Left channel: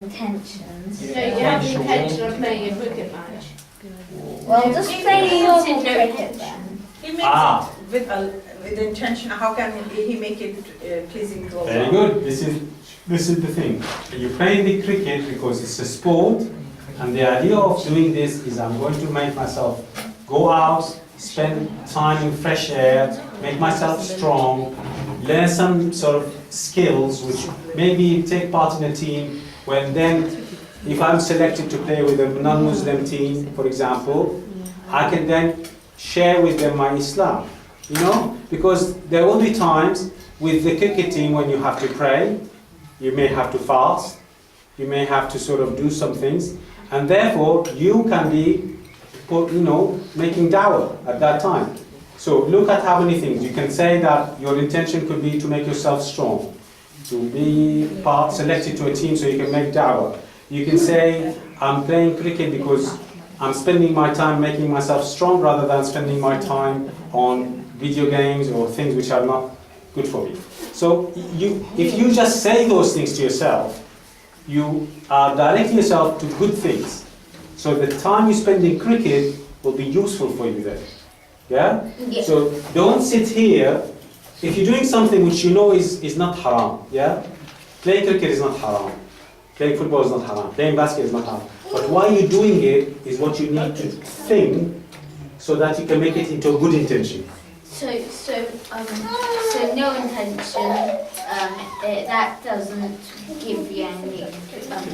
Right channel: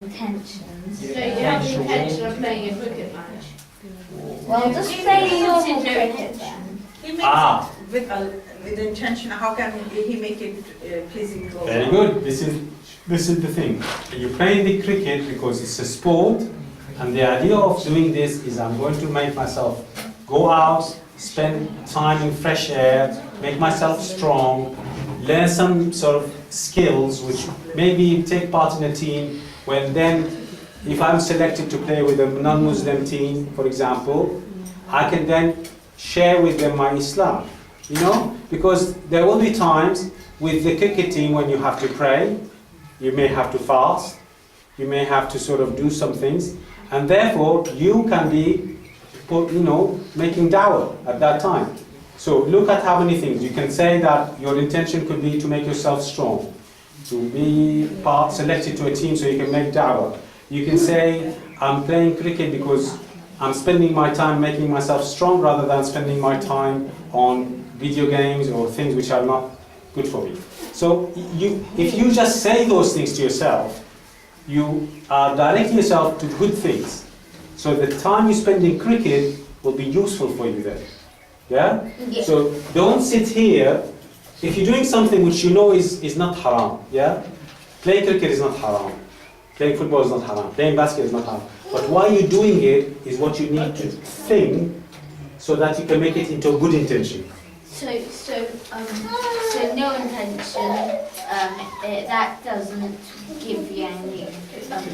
intentions. So you have the intention of playing a cricket match? Well, just play normal cricket then. He makes it with the intention. How can he make it pleasing to Allah? Very good. This is the thing. You're playing the cricket because it's a sport, and the idea of doing this is I'm going to make myself go out, spend time in fresh air, make myself strong, learn some sort of skills, which maybe take part in a team. When then, if I'm selected to play with a non-Muslim team, for example, I can then share with them my Islam, you know? Because there will be times with the cricket team when you have to pray, you may have to fast, you may have to sort of do some things, and therefore you can be, you know, making dawah at that time. So look at how many things. You can say that your intention could be to make yourself strong, to be selected to a team so you can make dawah. You can say, I'm playing cricket because I'm spending my time making myself strong rather than spending my time on video games or things which are not good for me. So if you just say those things to yourself, you are directing yourself to good things. So the time you spend in cricket will be useful for you then. Yeah? Yeah. So don't sit here. If you're doing something which you know is not haram, yeah? Playing cricket is not haram. Playing football is not haram. Playing basket is not haram. But why you're doing it is what you need to think so that you can make it into a good intention. So no intention, that doesn't give you any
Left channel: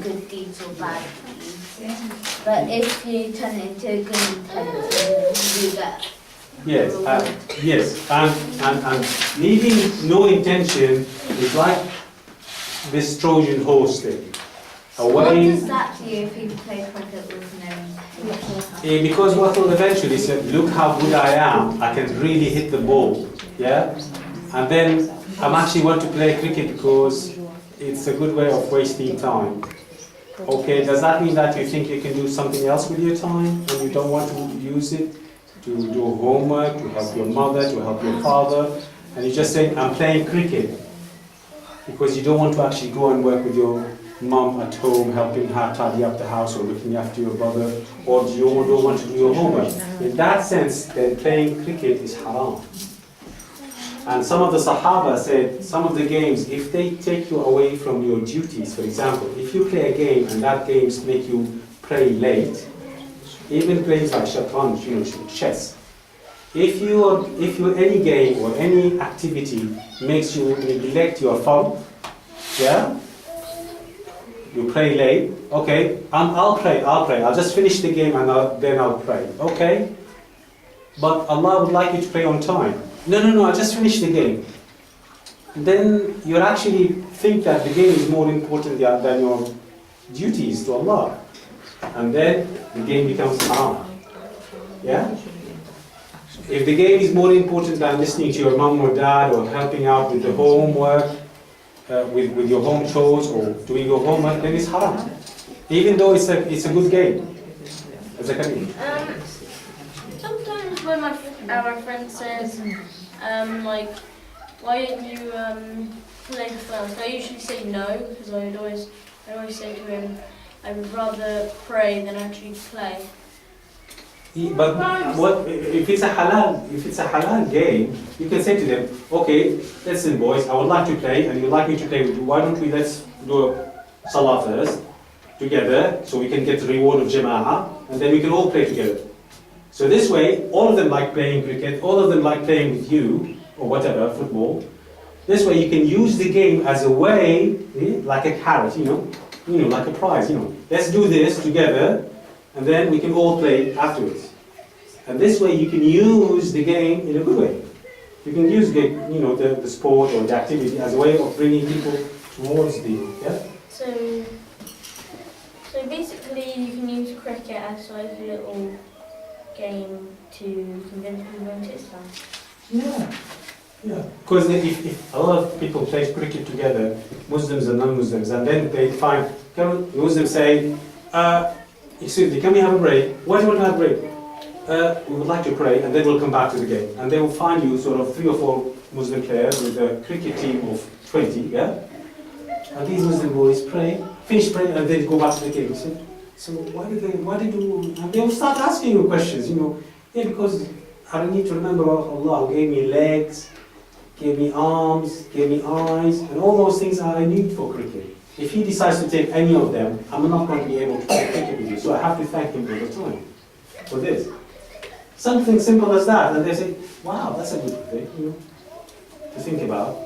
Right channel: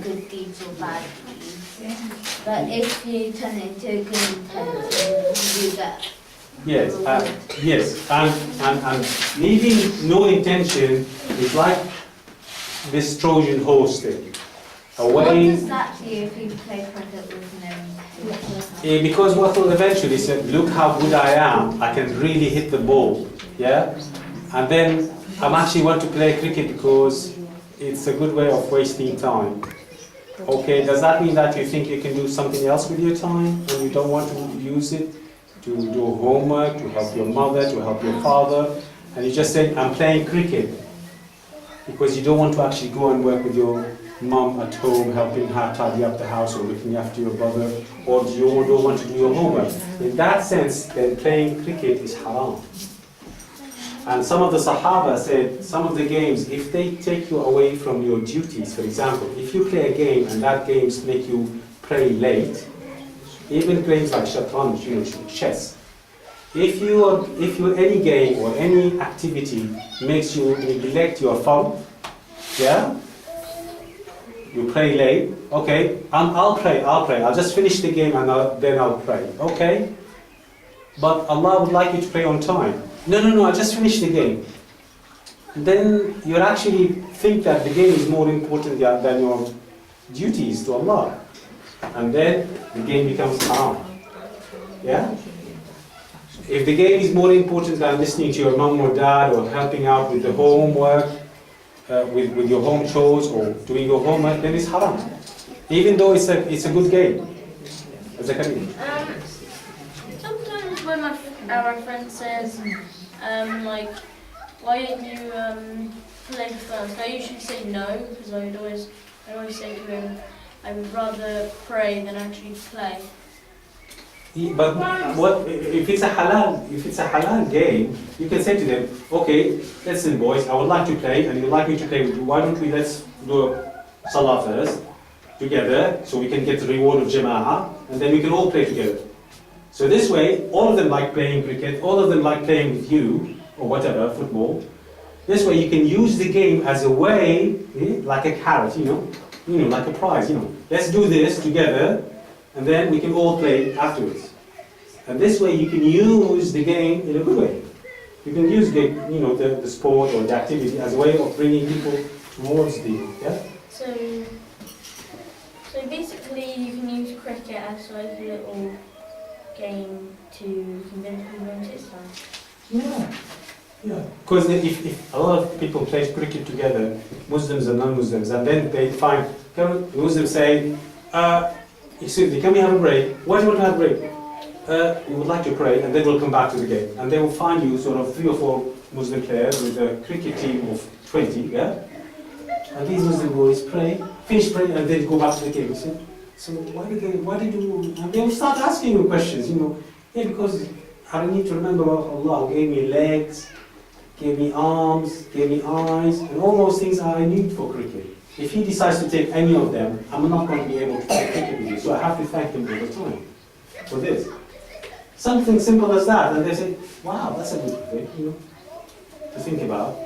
good deeds or bad deeds. But if you turn it into a good intention, you get. Yes, and leaving no intention is like this Trojan horse thing. What does that do if you play cricket with no intention? Because what will eventually say, look how good I am, I can really hit the ball, yeah? And then I'm actually want to play cricket because it's a good way of wasting time. Okay, does that mean that you think you can do something else with your time and you don't want to use it to do homework, to help your mother, to help your father, and you just say, I'm playing cricket because you don't want to actually go and work with your mom at home, helping her tidy up the house or looking after your brother, or you don't want to do your homework. In that sense, then playing cricket is haram. And some of the Sahaba said, some of the games, if they take you away from your duties, for example, if you play a game and that games make you pray late, even games like shatranj, you know, chess, if any game or any activity makes you neglect your fard, yeah, you pray late, okay, I'll pray, I'll just finish the game and then I'll pray, okay? But Allah would like you to pray on time. No, I just finished the game. Then you actually think that the game is more important than your duties to Allah. And then the game becomes haram. Yeah? If the game is more important than listening to your mom or dad or helping out with the homework, with your home chores or doing your homework, then it's haram. Even though it's a good game. Sometimes when our friend says, like, why don't you play first? I usually say no, because I always say to him, I would rather pray than actually play. But what if it's a halal game? You can say to them, okay, listen, boys, I would like to play, and you'd like me to play with you. Why don't we let's do a salah first together, so we can get the reward of jama'ah, and then we can all play together. So this way, all of them like playing cricket, all of them like playing with you or whatever, football. This way, you can use the game as a way, like a carrot, you know, like a prize, you know. Let's do this together. And then we can all play afterwards. And this way you can use the game in a good way. You can use the sport or the activity as a way of bringing people towards the, yeah? So basically you can use cricket as like a little game to convince people into Islam. Yeah. Because if a lot of people play cricket together, Muslims and non-Muslims, and then they find, Muslims say, excuse me, can we have a break? Why do you want to have a break? We would like to pray, and then we'll come back to the game. And they will find you sort of 3 or 4 Muslim players with a cricket team of 20, yeah? And these Muslim boys pray, finish praying, and then go back to the cave. So why did you, and they will start asking you questions, Yeah, because I need to remember Allah who gave me legs, gave me arms, gave me eyes, and all those things I need for cricket. If he decides to take any of them, I'm not going to be able to play cricket with you. So I have to thank him all the time for this. Something simple as that, and they say, wow, that's a good thing, to think about.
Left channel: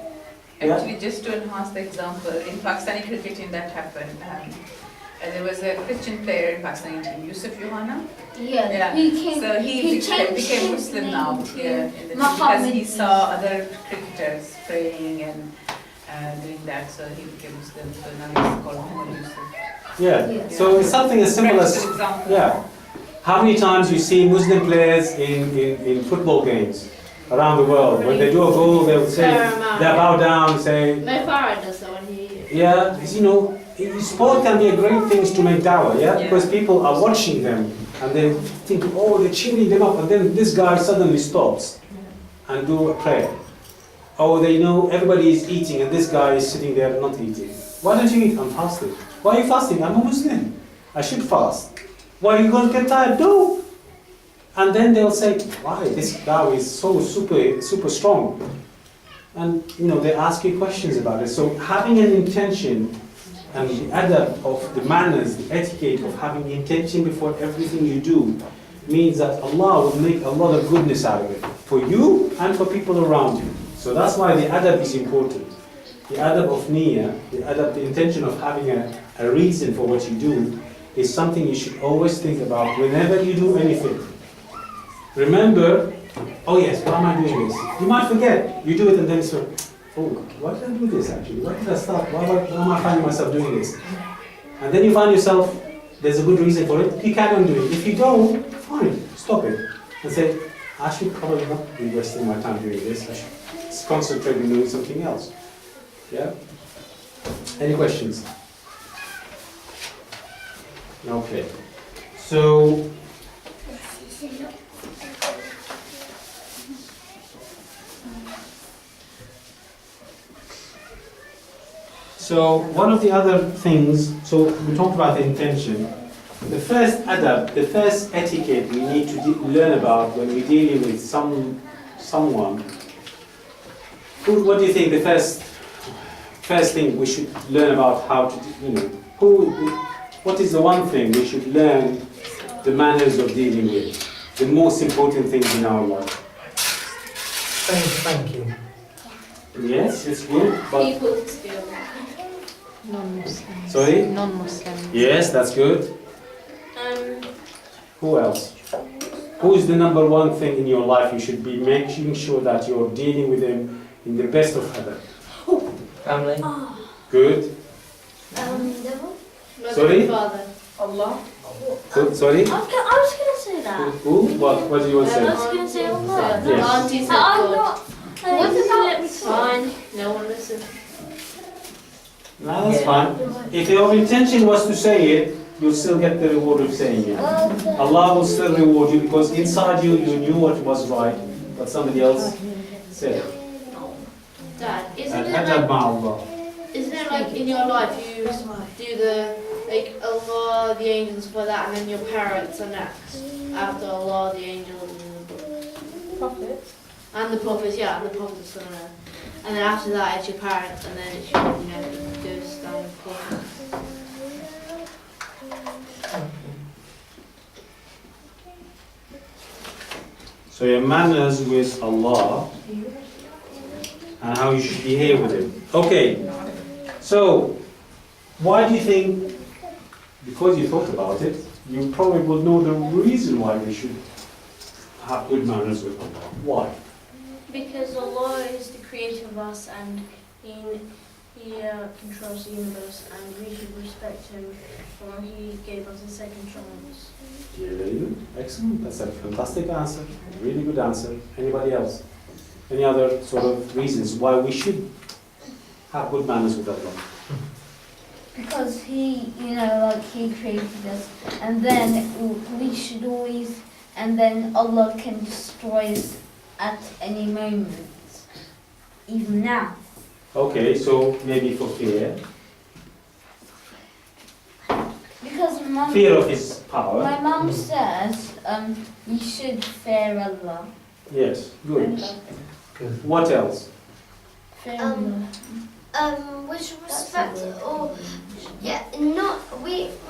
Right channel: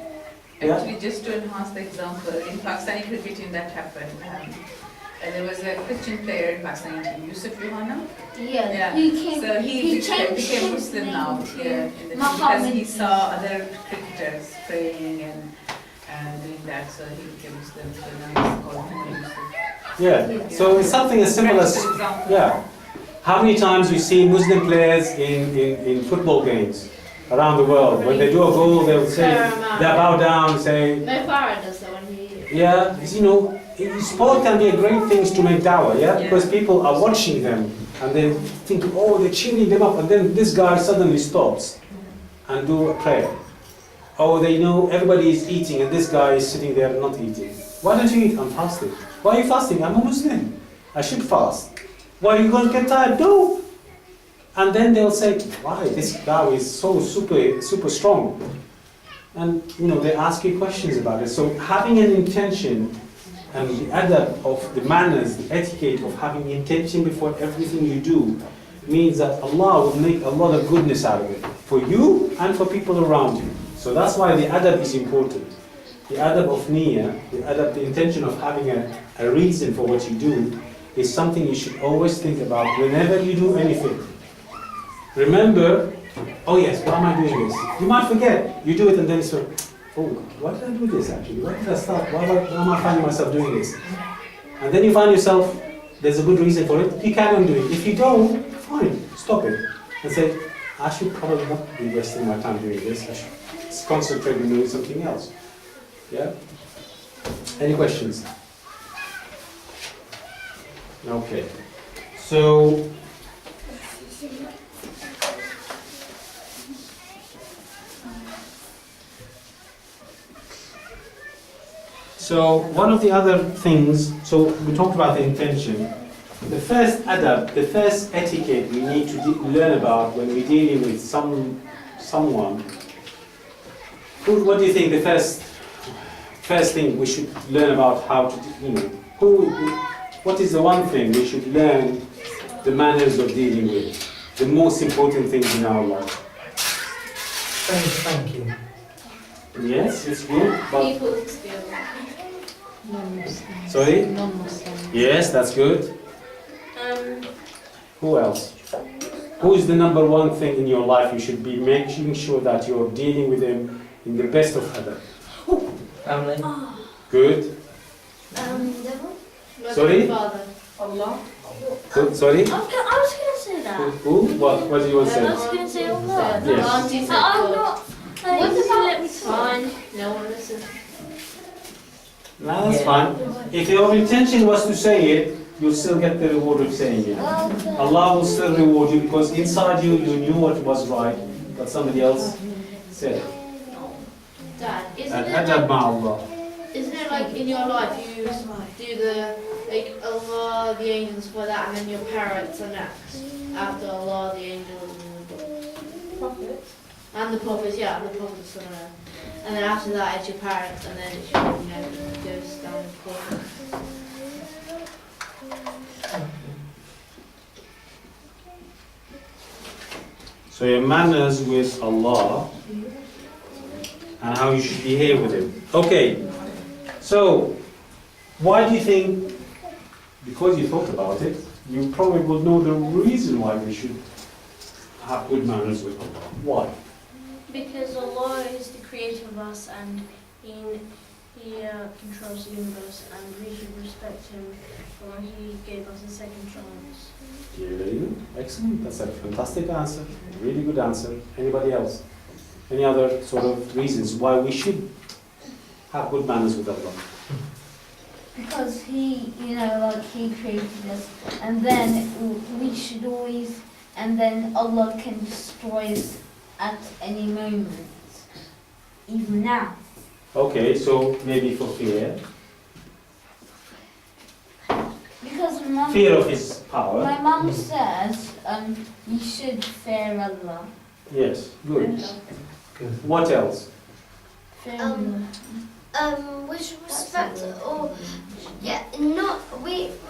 Yeah? Actually, just to enhance the example, in Pakistani cricketing that happened, there was a Christian player in Pakistan, M2U01538. Yeah, So he changed became his Muslim name now, to because he saw other cricketers praying and doing that, so he became Muslim. So now he's called Muhammad Yusuf. Yeah. So it's something as simple as, Practical example. yeah. How many times you see Muslim players in football games around the world? When they do a goal, they'll say, they bow down, say, Mo Farah does that when he. yeah, sport can be a great thing to make dawah, yeah? Because people are watching them and they think, oh, they're cheering them up, and then this guy suddenly stops and do a prayer. Oh, they know everybody is eating and this guy is sitting there not eating. Why don't you eat? I'm fasting. Why are you fasting? I'm a Muslim. I should fast. Why are you going to get tired? No. And then they'll say, why? This guy is so super strong. And they ask you questions about it. So having an intention and the adab of the manners, the etiquette of having intention before everything you do means that Allah will make a lot of goodness out of it for you and for people around you. So that's why the adab is important. The adab of niyyah, the intention of having a reason for what you do is something you should always think about whenever you do anything. Remember, oh yes, why am I doing this? You might forget. You do it and then so, oh, why did I do this actually? Why did I start? Why am I finding myself doing this? And then you find yourself, there's a good reason for it, you carry on doing it. If you don't, fine, stop it. And say, I should probably not be wasting my time doing this. I should concentrate on doing something else. Yeah? Any questions? Okay. So one of the other things, so we talked about the intention. The first adab, the first etiquette we need to learn about when we're dealing with someone. What do you think the first thing we should learn about how to, what is the one thing we should learn the manners of dealing with? The most important things in our life. Thank you. Yes, it's good, but... People still. Non-Muslim. Sorry? Non-Muslim. Yes, that's good. Who else? Who is the number one thing in your life you should be making sure that you're dealing with them in the best of adab? Family. Good. Devil? Sorry? Father. Allah. Good. Sorry? I was going to say that. Who? What do you want to I say? was going to say Allah. Yes. Auntie said I'm God. not. What does he let me fine? No one listens. No, that's fine. If your intention was to say it, you'll still get the reward of saying it. Allah will still reward you because inside you knew what was right, but somebody else said it. Dad, And adab ma'allah. isn't it like in your life you do the like Allah, the angels for that, and then your parents are next after Allah, the angels, and the prophets, and the prophets, yeah, and the prophets, and then after that it's your parents, and then it's your, goes down the prophets. So your manners with Allah and how you should behave with Him. Okay, so why do you think, because you thought about it, you probably will know the reason why we should have good manners with Allah. Why? Because Allah is the creator of us and He controls the universe and we should respect Him for He gave us a second chance. Very good, excellent. That's a fantastic answer, really good answer. Anybody else? Any other sort of reasons why we should have good manners with Allah? Because He, He created us, and then we should always, and then Allah can destroy us at any moment, even now. Okay, so maybe for fear. Because Fear of His power. my mum says we should fear Allah. Yes, good. What else? Fear Allah. We should respect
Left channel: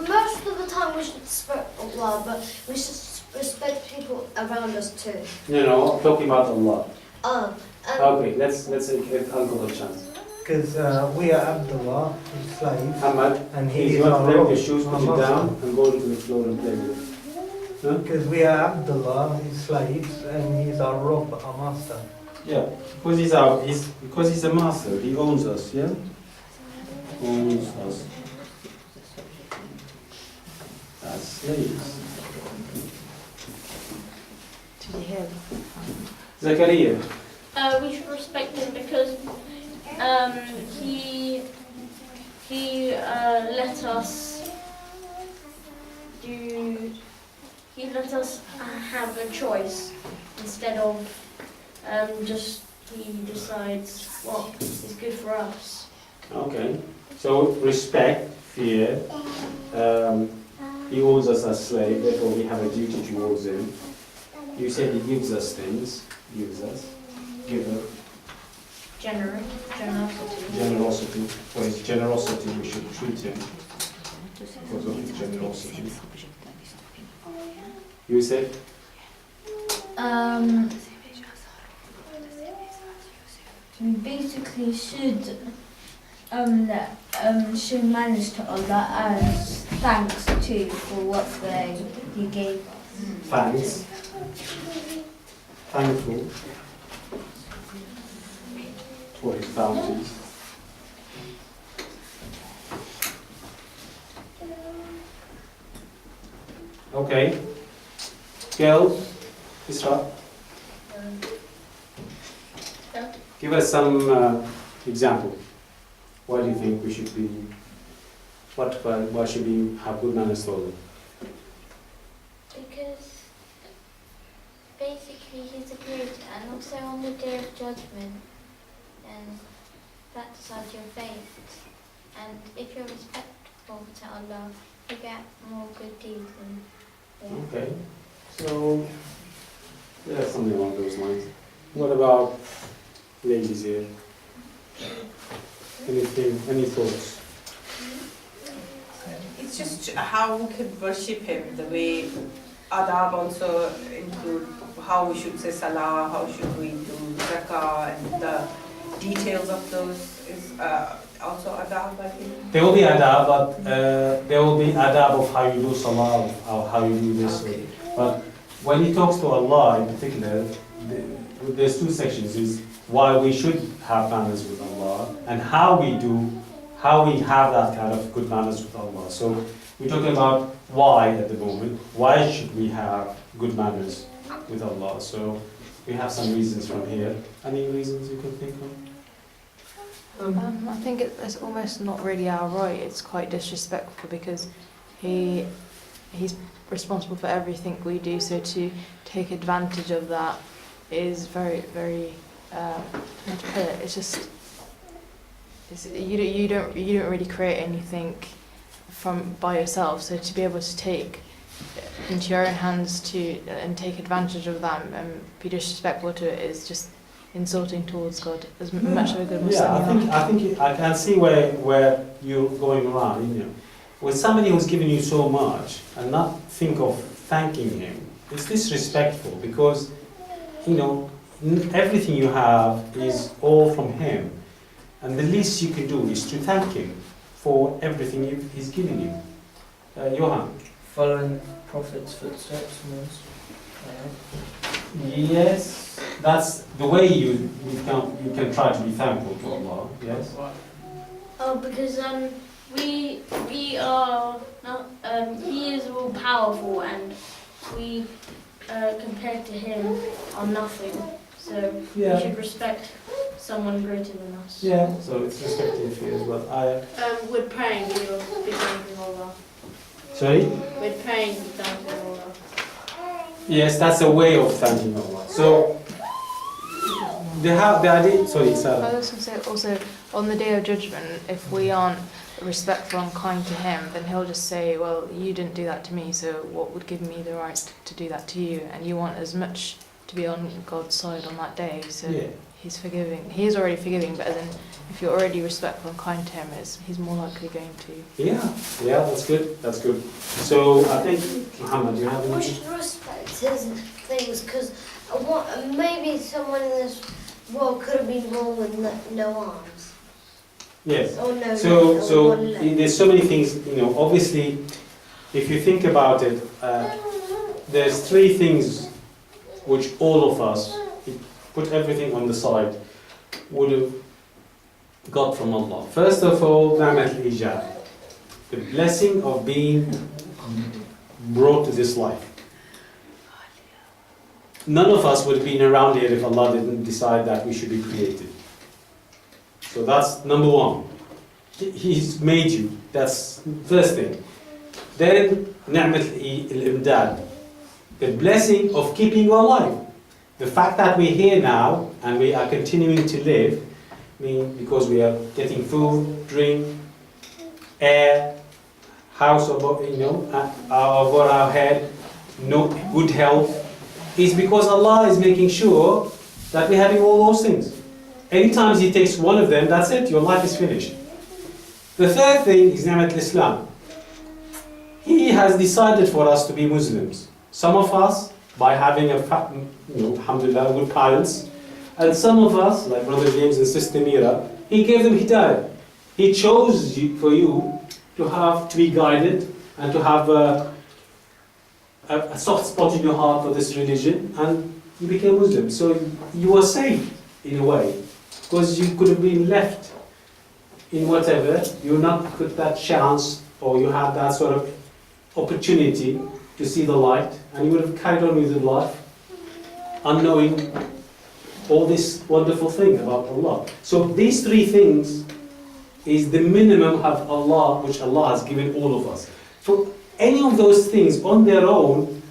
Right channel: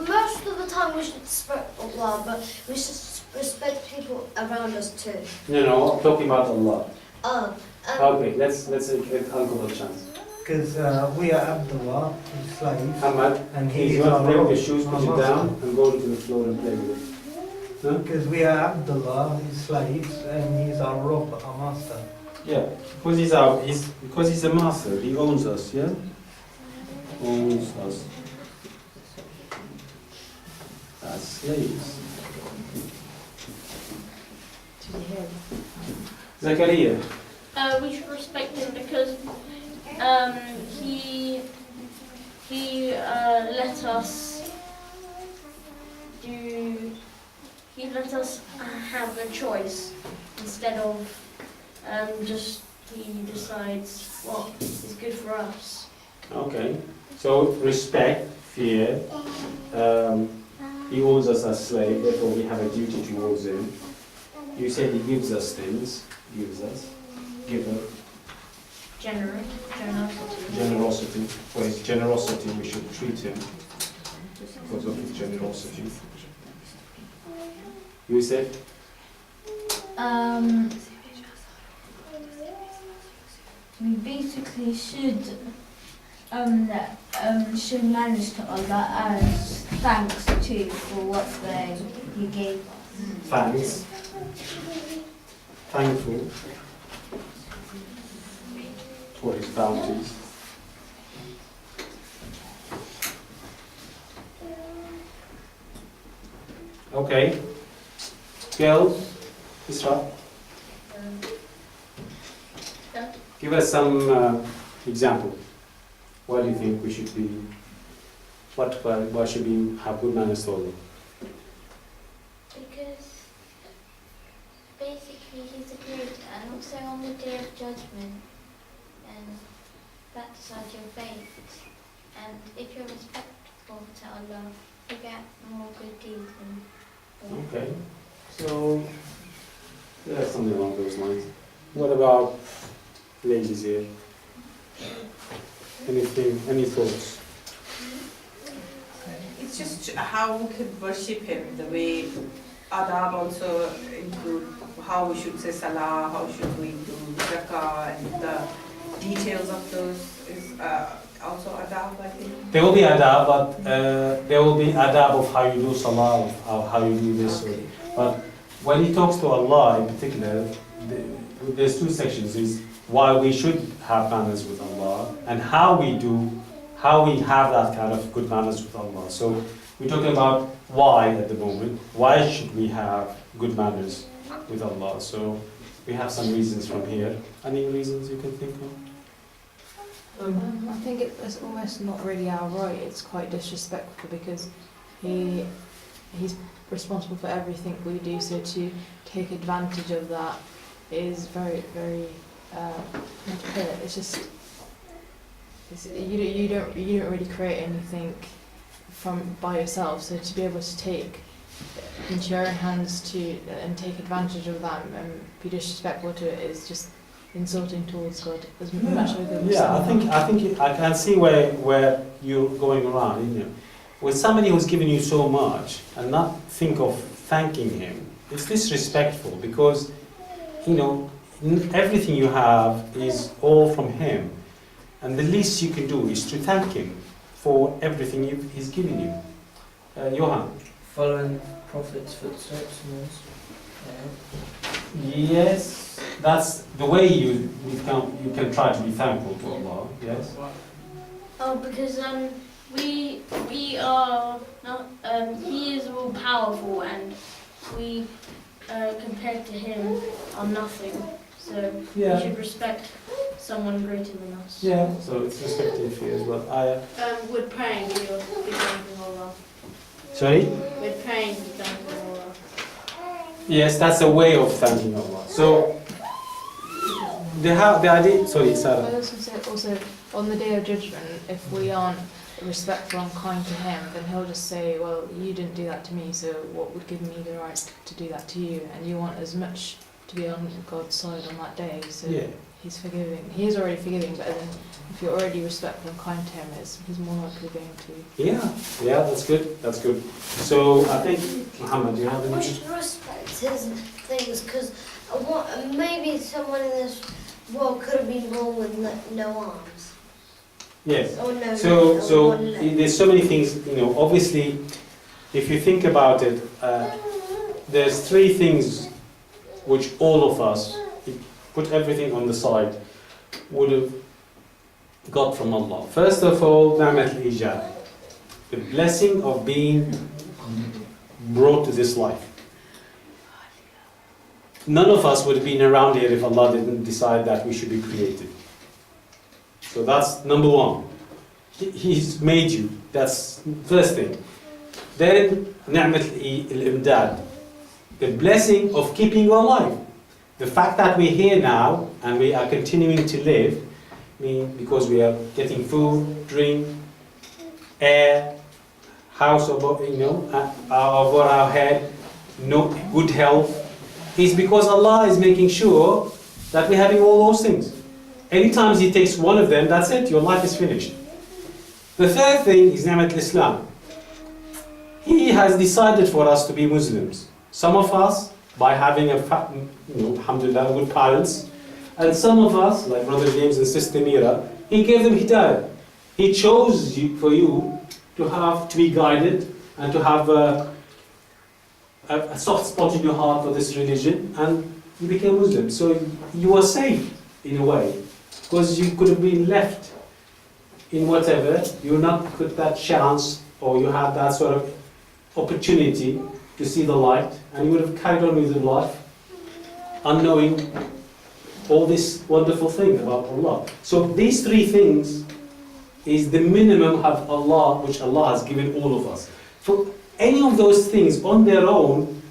most of the time we should respect Allah, but we should respect people around us too. No, talking about Allah. Okay. Let's get Uncle a chance. Because we are Abdullah, his slaves, Ahmad, and he's he is going to our break Rabb, the shoes, our put it master. down, and go into the floor and play with it. Huh? Because we are Abdullah, his slaves, and he's our Rabb, our master. Yeah, because he's a master. He owns us. Yeah, owns us as slaves. Zakaria. We should respect him because he let us have a choice instead of just he decides what is good for us. Okay, so respect, fear. He owns us as slaves, therefore we have a duty towards him. You said he gives us things. Gives us. Giver. Generosity. Generosity. For his generosity, we should treat him because of his generosity. You said? We basically should manage to Allah as thanks too for what He gave us. Thanks. Thankful for his bounties. Okay. Girls, Isra, give us some example. Why do you think we should be? Why should we have good manners to Allah? Because basically he's a good, and also on the day of judgment, and that decides your fate. And if you're respectful to Allah, you get more good deeds. Okay, so yeah, something along those lines. What about ladies here? Any thoughts? It's just how we could worship him, the way adab also include how we should say salah, how should we do zakah, and the details of those is also adab, I think. There will be adab, but there will be adab of how you do salah, or how you do this. Okay. But when he talks to Allah in particular, there's two sections: is why we should have manners with Allah, and how we have that kind of good manners with Allah. So we're talking about why at the moment. Why should we have good manners with Allah? So we have some reasons from here. Any reasons you can think of? I think it's almost not really our right. It's quite disrespectful because he's responsible for everything we do. So to take advantage of that is very, very. How to put it? It's just. You don't really create anything by yourself. So to be able to take into your own hands and take advantage of that and be disrespectful to it is just insulting towards God as much as a good Muslim. Yeah, I think I can see where you're going around. You know, when somebody who's given you so much and not think of thanking him, it's disrespectful because everything you have is all from him, and the least you can do is to thank him for everything he's given you. Johan. Following Prophet's footsteps, most. Yes, that's the way you can try to be thankful to Allah. Yes. Oh, because we are not. He is all powerful, and we compared to him are nothing. So Yeah. we should respect someone greater than us. Yeah. So it's respected for you as well. With praying, you'll be thanking Allah. Sorry. With praying, you'll be thanking Allah. Yes, that's a way of thanking Allah. So the idea. Sorry, I Sarah. also say on the day of judgment, if we aren't respectful and kind to him, then he'll just say, well, you didn't do that to me, so what would give me the right to do that to you? And you want as much to be on God's side on that day, so Yeah. he's forgiving. He is already forgiving, but then if you're already respectful and kind to him, he's more likely going to. Yeah, that's good. That's good. So I think, Muhammad, you have We anything? should respect his things because maybe someone in this world could have been born with no arms. Yes. Or no So, leg, or so one leg. there's so many things, obviously, if you think about it, there's three things which all of us, if put everything on the side, would have got from Allah. First of all, Ni'mat al-Ijab, the blessing of being brought to this life. None of us would have been around here if Allah didn't decide that we should be created. So that's number one. He's made you. That's first thing. Then, Ni'mat al-Imdad, the blessing of keeping you alive. The fact that we're here now and we are continuing to live, because we are getting food, drink, air, house over our head, good health, is because Allah is making sure that we're having all those things. Anytime He takes one of them, that's it, your life is finished. The third thing is Ni'mat al-Islam. He has decided for us to be Muslims. Some of us, by having alhamdulillah, good parents, and some of us, like Brother James and Sister Mira, He gave them hidayah. He chose for you to be guided and to have a soft spot in your heart for this religion, and you became Muslim. So you are safe in a way, because you could have been left in whatever, you not got that chance, or you had that sort of opportunity to see the light, and you would have carried on with your life, unknowing all this wonderful thing about Allah. So these three things is the minimum of Allah, which Allah has given all of us. For any of those things on their own,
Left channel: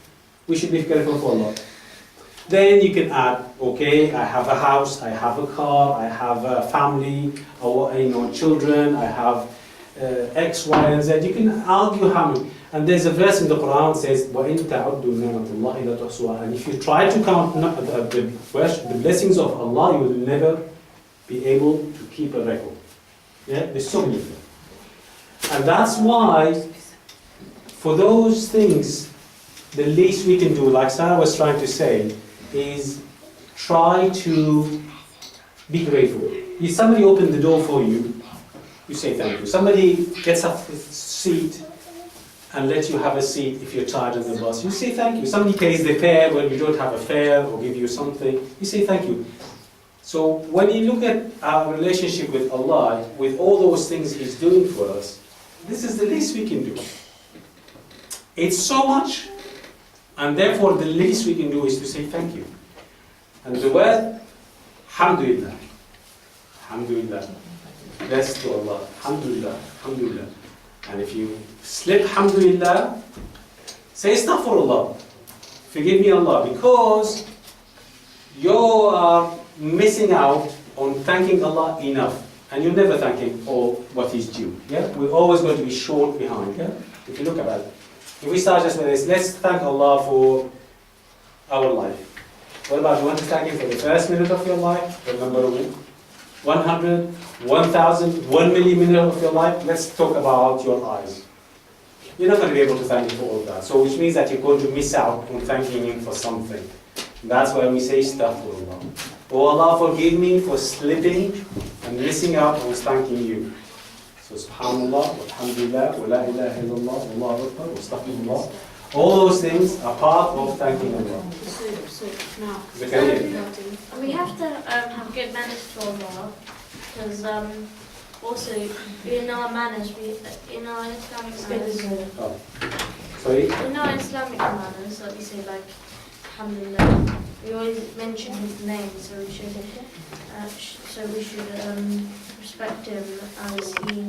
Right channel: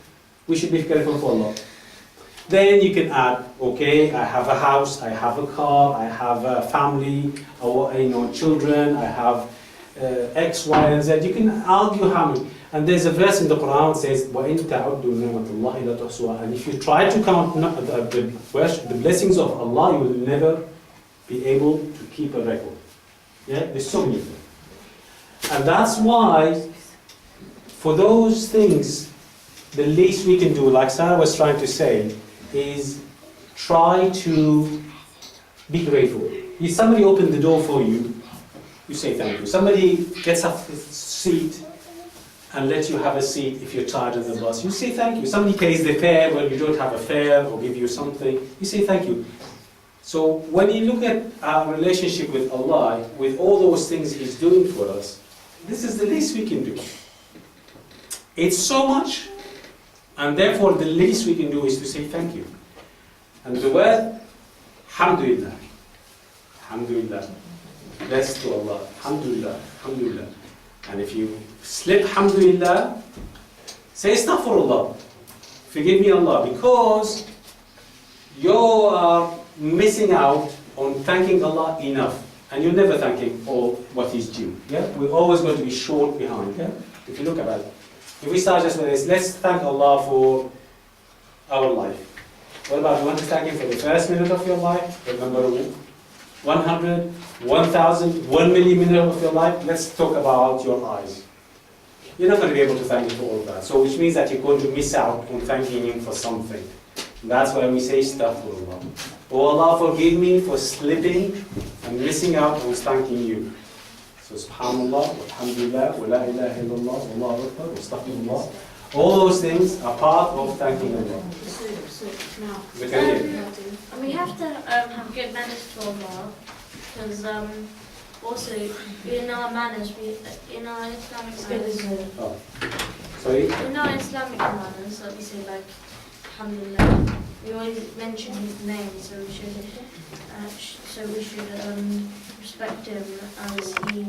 we should be grateful for Allah. Then you can add, okay, I have a house, I have a car, I have a family, children, I have X, Y, and Z. You can argue how many. And there's a verse in the Quran that says, وَإِن تَعُدُّوا نِعْمَةَ اللَّهِ لَا تُحْصُوهَا. And if you try to count the blessings of Allah, you will never be able to keep a record. Yeah, there's so many of them. And that's why, for those things, the least we can do, like Sarah was trying to say, is try to be grateful. If somebody opened the door for you, you say thank you. Somebody gets up the seat and lets you have a seat if you're tired on the bus, you say thank you. Somebody pays the fare when you don't have a fare or give you something, you say thank you. So when you look at our relationship with Allah, with all those things He's doing for us, this is the least we can do. It's so much, and therefore the least we can do is to say thank you. And the word, alhamdulillah, alhamdulillah, blessed to Allah, alhamdulillah, alhamdulillah. And if you slip alhamdulillah, say astaghfirullah, forgive me Allah, because you are missing out on thanking Allah enough, and you're never thanking all what is due. Yeah, we're always going to be short behind. Yeah, if you look at it, if we start just with this, let's thank Allah for our life. What about, you want to thank Him for the first minute of your life, the number 100, 1,000, 1 million minutes of your life? Let's talk about your eyes. You're not going to be able to thank Him for all of that. So which means that you're going to miss out on thanking Him for something. And that's why we say astaghfirullah. Oh Allah, forgive me for slipping and missing out on thanking you. So subhanallah, alhamdulillah, wa la ilaha illallah, wallahu akbar, wa astaghfirullah. All those things are part of thanking Allah. Zakaria. And we have to have good manners to Allah, because also in our manners, in our Islamic manners, Oh. Sorry? in our Islamic manners, like we say, like alhamdulillah, we always mention His name, so we should respect Him as He